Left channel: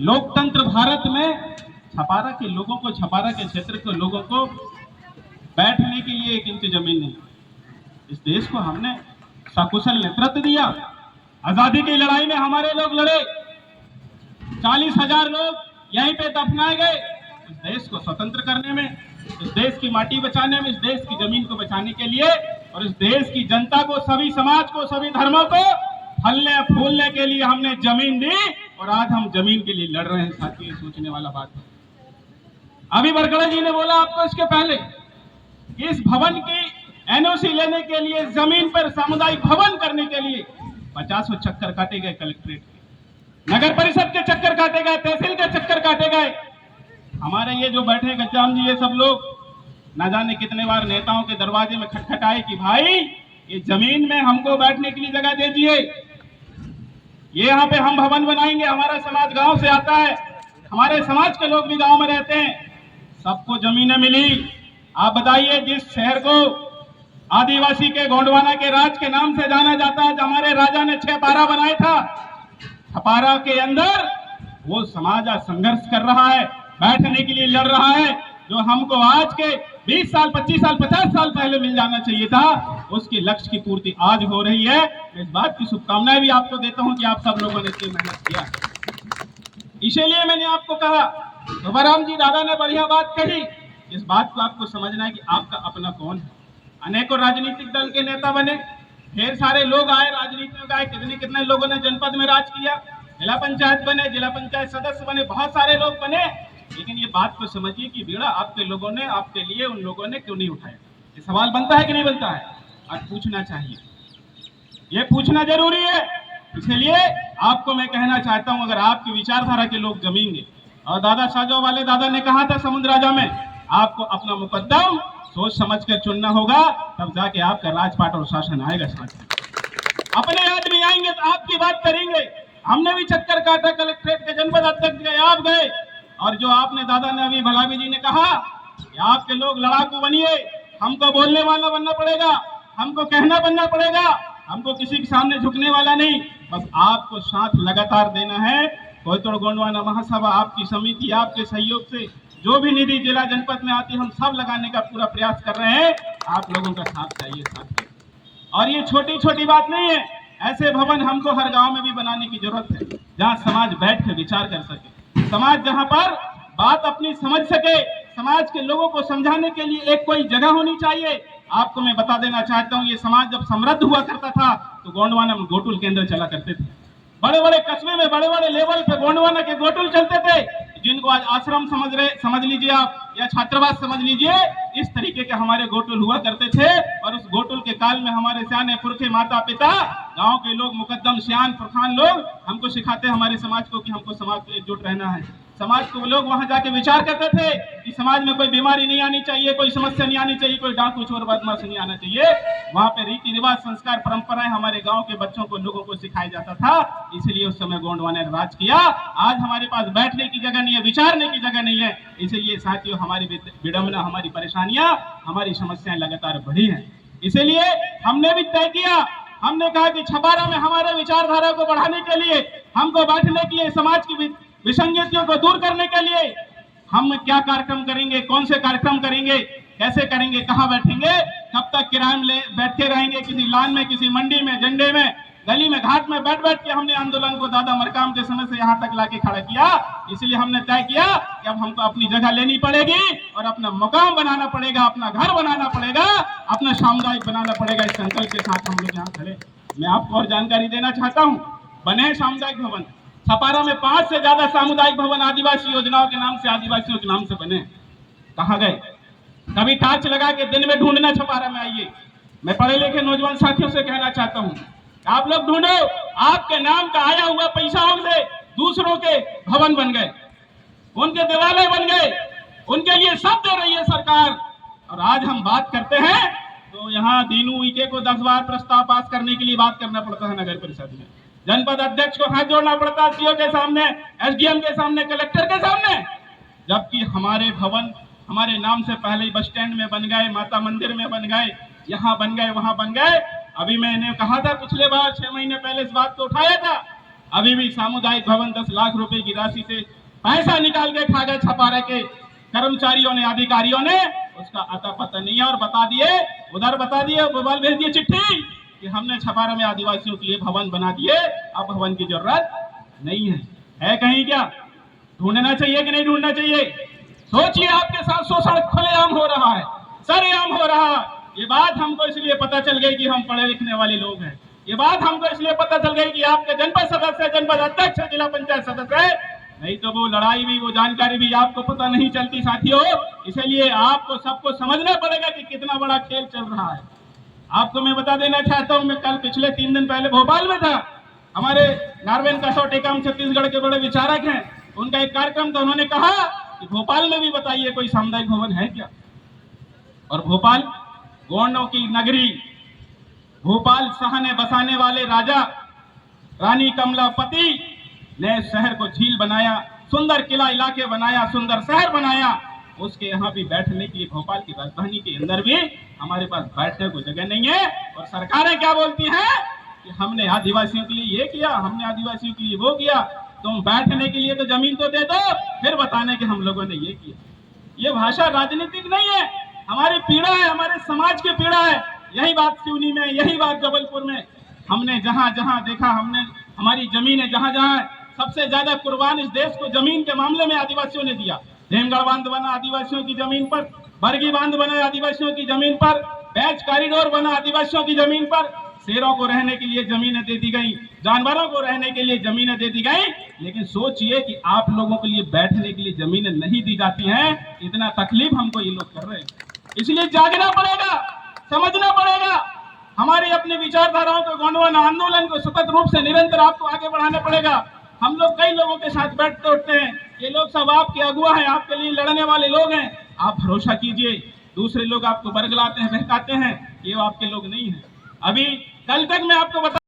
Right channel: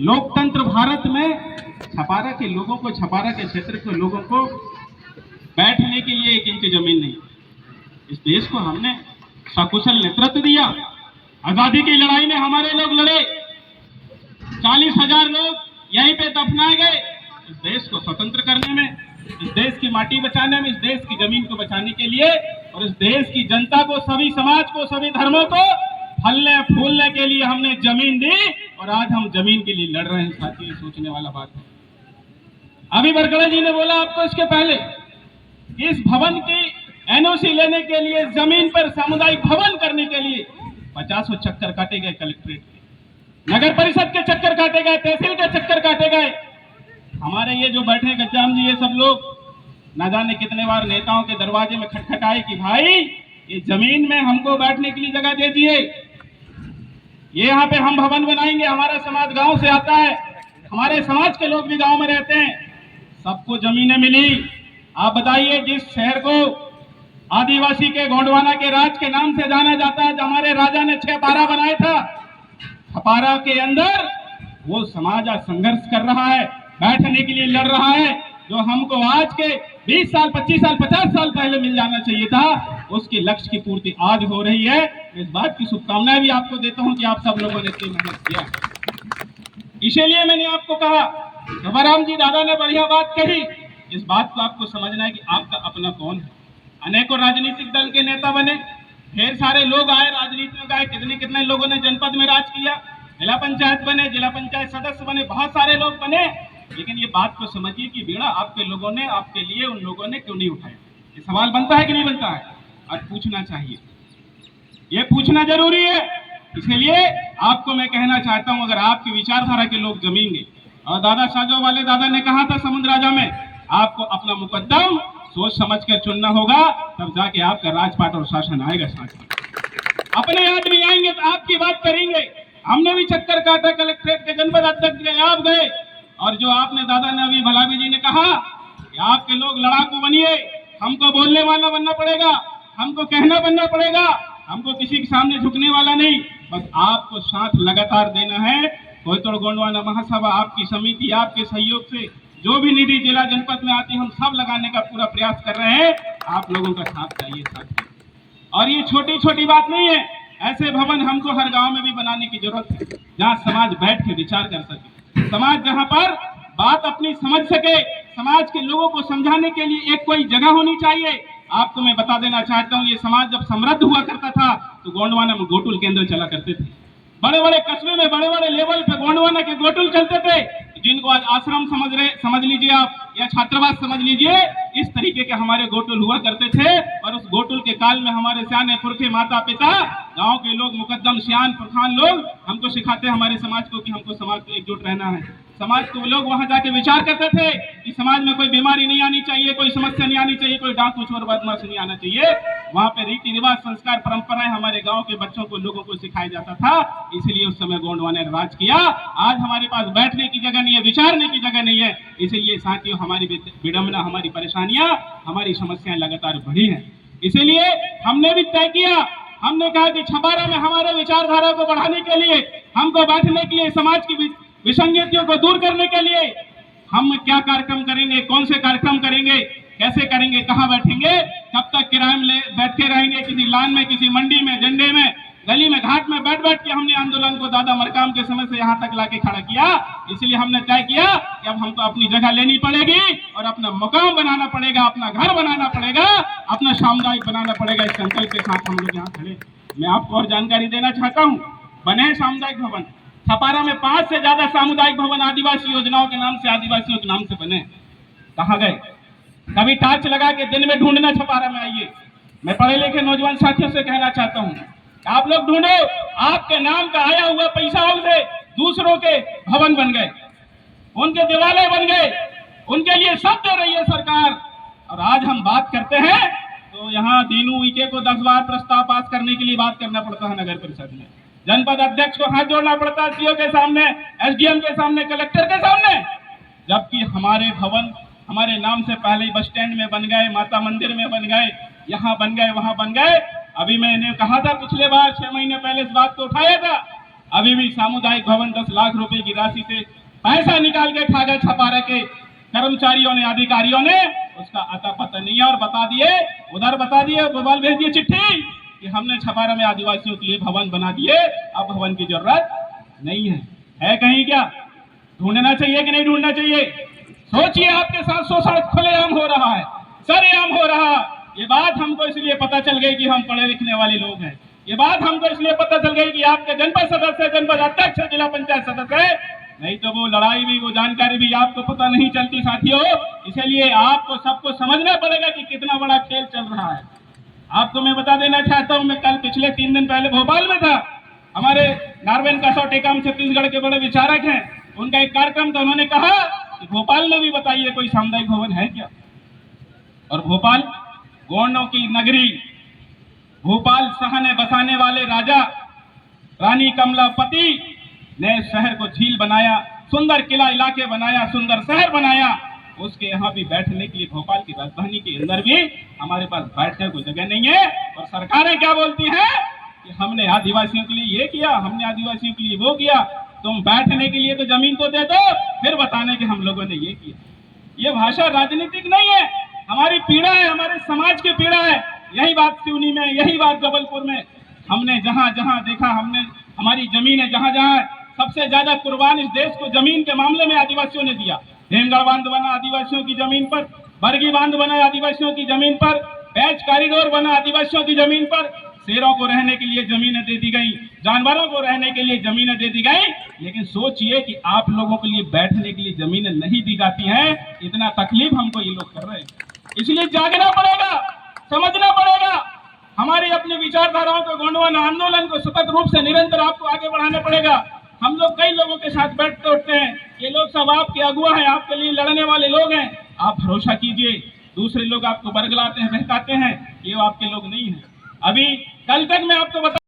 लोकतंत्र भारत में छपारा के लोगों को, छपारा के क्षेत्र के लोगों को बैठने के लिए 1 इंच जमीन नहीं। इस देश को हमने सकुशल नेतृत्व दिया। आजादी की लड़ाई में हमारे लोग लड़े, 40,000 लोग यहीं पे दफनाए गए। इस देश को स्वतंत्र करने में, इस देश की माटी बचाने में, इस देश की जमीन को बचाने के लिए, और इस देश की जनता को, सभी समाज को, सभी धर्मों को फलने फूलने के लिए हमने जमीन दी, और आज हम जमीन के लिए लड़ रहे हैं। साथियों, ये सोचने वाला बात है। अभी बरगड़ा जी ने बोला आपको इसके पहले, इस भवन की एनओसी लेने के लिए, जमीन पर सामुदायिक भवन करने के लिए 50 चक्कर काटे गए, कलेक्ट्रेट के, नगर परिषद के चक्कर काटे गए, तहसील के चक्कर काटे गए। हमारे ये जो बैठे गज्जाम जी, ये सब लोग ना जाने कितने बार नेताओं के दरवाजे में खटखटाए कि भाई ये जमीन में हमको बैठने के लिए जगह दीजिए, ये यहाँ पे हम भवन बनाएंगे। हमारा समाज गांव से आता है, हमारे समाज के लोग भी गांव में रहते हैं, सबको जमीनें मिली। आप बताइए, जिस शहर को आदिवासी के गोंडवाना के राज के नाम से जाना जाता है, हमारे राजा ने 6 पारा बनाया था, छपारा के अंदर वो समाज आज संघर्ष कर रहा है, बैठने के लिए लड़ रहा है। जो हमको आज के 20 साल, 25 साल, 50 साल पहले मिल जाना चाहिए था, उसकी लक्ष्य की पूर्ति आज हो रही है। इस बात की शुभकामनाएं भी आपको देता हूं कि आप सब लोगों ने इतनी मेहनत किया। इसीलिए मैंने आपको कहा, गवाराम जी दादा ने बढ़िया बात कही, इस बात को आपको समझना है कि आपका अपना कौन है। अनेकों राजनीतिक दल के नेता बने, ढेर सारे लोग आए, राजनीति में गए, कितने लोगों ने जनपद में राज किया, जिला पंचायत बने, जिला पंचायत सदस्य बने, बहुत सारे लोग बने। लेकिन ये बात को समझिए कि बेड़ा आपके लोगों ने, आपके लिए उन लोगों ने क्यों नहीं उठाया। ये सवाल बनता है कि नहीं बनता है, और पूछना चाहिए, ये पूछना जरूरी है। इसलिए आपको मैं कहना चाहता हूं, अगर आपकी विचारधारा के लोग जमेंगे, और दादा साजो वाले दादा ने कहा था समुद्र राजा में, आपको अपना मुकद्दम सोच समझ कर चुनना होगा, तब जाके आपका राजपाट और शासन आएगा। साथ अपने आदमी आएंगे तो आपकी बात करेंगे। हमने भी चक्कर काटा, कलेक्ट्रेट के जनपद अध्यक्ष गए, आप गए, और जो आपने दादा ने अभी भलावी जी ने कहा कि आपके लोग लड़ाकू बनिए, हमको बोलने वाला बनना पड़ेगा, हमको कहना बनना पड़ेगा, हमको किसी के सामने झुकने वाला नहीं, बस आपको साथ लगातार देना है। कोयतोड़ गोंडवाना महासभा, आपकी समिति, आपके सहयोग से जो भी निधि जिला जनपद में आती है, हम सब लगाने का पूरा प्रयास कर रहे हैं। आप लोगों का साथ चाहिए साथ। और ये छोटी छोटी बात नहीं है, ऐसे भवन हमको हर गांव में भी बनाने की जरूरत है, जहां समाज बैठ के विचार कर सके, समाज जहां पर बात अपनी समझ सके, समाज के लोगों को समझाने के लिए एक कोई जगह होनी चाहिए। आपको मैं बता देना चाहता हूं, ये समाज जब समृद्ध हुआ करता था तो गोंडवाना में गोटुल केंद्र चला करते थे। बड़े बड़े कस्बे में, बड़े बड़े लेवल पे गोंडवाना के गोटुल चलते थे, जिनको आज आश्रम समझ लीजिए आप, या छात्रावास समझ लीजिए। इस तरीके के हमारे गोटुल हुआ करते थे, और उस गोटुल के काल में हमारे सियाने पुरखे, माता पिता, गांव के लोग, मुकद्दम सियान पुरखान लोग हमको सिखाते हमारे समाज को कि हमको समाज को एकजुट रहना है। समाज को लोग वहां जाके विचार करते थे कि समाज में कोई बीमारी नहीं आनी चाहिए, कोई समस्या नहीं आनी चाहिए, कोई डाकू चोर बदमाश नहीं आना चाहिए। वहां पे रीति रिवाज, संस्कार, परंपराएं हमारे गांव के बच्चों को, लोगों को सिखाया जाता था। इसलिए उस समय गोंडवाना ने राज किया। आज हमारे पास बैठने की जगह नहीं है, विचारने की जगह नहीं है। इसलिए साथियों, हमारी विडंबना, हमारी परेशानियां, हमारी समस्याएं लगातार बढ़ी हैं। इसलिए हमने भी तय किया, हमने कहा कि छपारा में हमारे विचारधारा को बढ़ाने के लिए, हमको बैठने के लिए, समाज की विसंगतियों को दूर करने के लिए हम क्या कार्यक्रम करेंगे, कौन से कार्यक्रम करेंगे, कैसे करेंगे, कहां बैठेंगे, कब तक किराए में बैठे रहेंगे, किसी लान में, किसी मंडी में, झंडे में, गली में, घाट में बैठ बैठ के हमने आंदोलन को दादा मरकाम के समय से यहां तक लाके खड़ा किया। इसलिए हमने तय किया कि अब हमको अपनी जगह लेनी पड़ेगी, और अपना मकाम बनाना पड़ेगा, अपना घर बनाना पड़ेगा, अपना सामुदायिक बनाना पड़ेगा। इस संकल्प के साथ हम लोग यहाँ खड़े। मैं आपको और जानकारी देना चाहता हूँ, बने सामुदायिक भवन छपारा में 5 से ज्यादा सामुदायिक भवन आदिवासी योजनाओं के नाम से, आदिवासियों के नाम से बने। कहाँ गए? कभी टार्च लगा के दिन में ढूंढना छपारा में आइए। मैं पढ़े लिखे नौजवान साथियों से कहना चाहता हूँ, आप लोग ढूंढो, आपके नाम का आया हुआ पैसा से दूसरों के भवन बन गए, उनके दिवाले बन गए, उनके लिए सब दे रही है सरकार। और आज हम बात करते हैं तो यहाँ दीनू उइके को 10 बार प्रस्ताव पास करने के लिए बात करना पड़ता है नगर परिषद में, जनपद अध्यक्ष को हाथ जोड़ना पड़ता है, सीओ के सामने, एसडीएम के सामने, कलेक्टर के सामने। जबकि हमारे भवन हमारे नाम से पहले ही बस स्टैंड में बन गए, माता मंदिर में बन गए, यहाँ बन गए, वहां बन गए। अभी मैंने कहा था पिछले बार 6 महीने पहले इस बात को उठाया था, अभी भी सामुदायिक भवन 10 लाख रुपए की राशि से पैसा निकाल के खा गए छपारा के कर्मचारियों ने, अधिकारियों ने, उसका अता पता नहीं है। और बता दिए, उधर बता दिए, मोबाइल भेज दिए चिट्ठी कि हमने छपारा में आदिवासियों के लिए भवन बना दिए, अब भवन की जरूरत नहीं है कहीं क्या? ढूंढना चाहिए कि नहीं ढूंढना चाहिए? सोचिए, आपके साथ शोषण खुलेआम हो रहा है, सरेआम हो रहा है। ये बात हमको इसलिए पता चल गई कि हम पढ़े लिखने वाले लोग हैं। ये बात हमको इसलिए पता चल गई कि आपके जनपद सदस्य, जनपद अध्यक्ष, जिला पंचायत सदस्य है, नहीं तो वो लड़ाई भी, वो जानकारी भी आपको पता नहीं चलती साथियों। इसलिए आपको सबको समझना पड़ेगा कि कितना बड़ा खेल चल रहा है। आपको मैं बता देना चाहता हूं, मैं कल पिछले 3 दिन पहले भोपाल में था। हमारे नारवेन कसौ टेकाम छत्तीसगढ़ के बड़े विचारक हैं, उनका एक कार्यक्रम था। उन्होंने कहा कि भोपाल में भी बताइए कोई सामुदायिक भवन है क्या? और भोपाल गोंडों की नगरी, भोपाल सहने बसाने वाले राजा रानी कमलापति ने शहर को झील बनाया, सुंदर किला इलाके बनाया, सुंदर शहर बनाया। उसके यहाँ भी बैठने के लिए, भोपाल की राजधानी के अंदर भी हमारे पास बैठने को जगह नहीं है। और सरकारें क्या बोलती हैं कि हमने आदिवासियों के लिए ये किया, हमने आदिवासियों के लिए वो किया। तुम बैठने के लिए तो जमीन तो दे दो, फिर बताने कि हम लोगों ने ये किया। ये भाषा राजनीतिक नहीं है, हमारी पीड़ा है, हमारे समाज की पीड़ा है। यही बात सिवनी में, यही बात जबलपुर में, हमने जहां जहां देखा, हमने हमारी जमीनें जहां जहां है, सबसे ज्यादा कुर्बान इस देश को जमीन के मामले में आदिवासियों ने दिया। हेमगढ़ बांध बना आदिवासियों की जमीन पर, बरगी बांध बना आदिवासियों की जमीन पर, पैच कॉरिडोर बना आदिवासियों की जमीन पर। शेरों को रहने के लिए जमीनें दे दी गई, जानवरों को रहने के लिए जमीनें दे दी गई। लेकिन सोचिए कि आप लोगों के लिए बैठने के लिए जमीनें नहीं दी जाती हैं। इतना तकलीफ हमको ये लोग कर रहे हैं। इसलिए जागना पड़ेगा, समझना पड़ेगा। हमारी अपनी विचारधाराओं को, गोंडवाना आंदोलन को सतत रूप से निरंतर आपको आगे बढ़ाना पड़ेगा। हम लोग कई लोगों के साथ बैठते उठते हैं, ये लोग सब आपके अगुआ हैं, आपके लिए लड़ने वाले लोग हैं। आप भरोसा कीजिए, दूसरे लोग आपको बरगलाते हैं, बहकाते हैं, ये आपके लोग नहीं हैं। अभी कल तक मैं आपको बता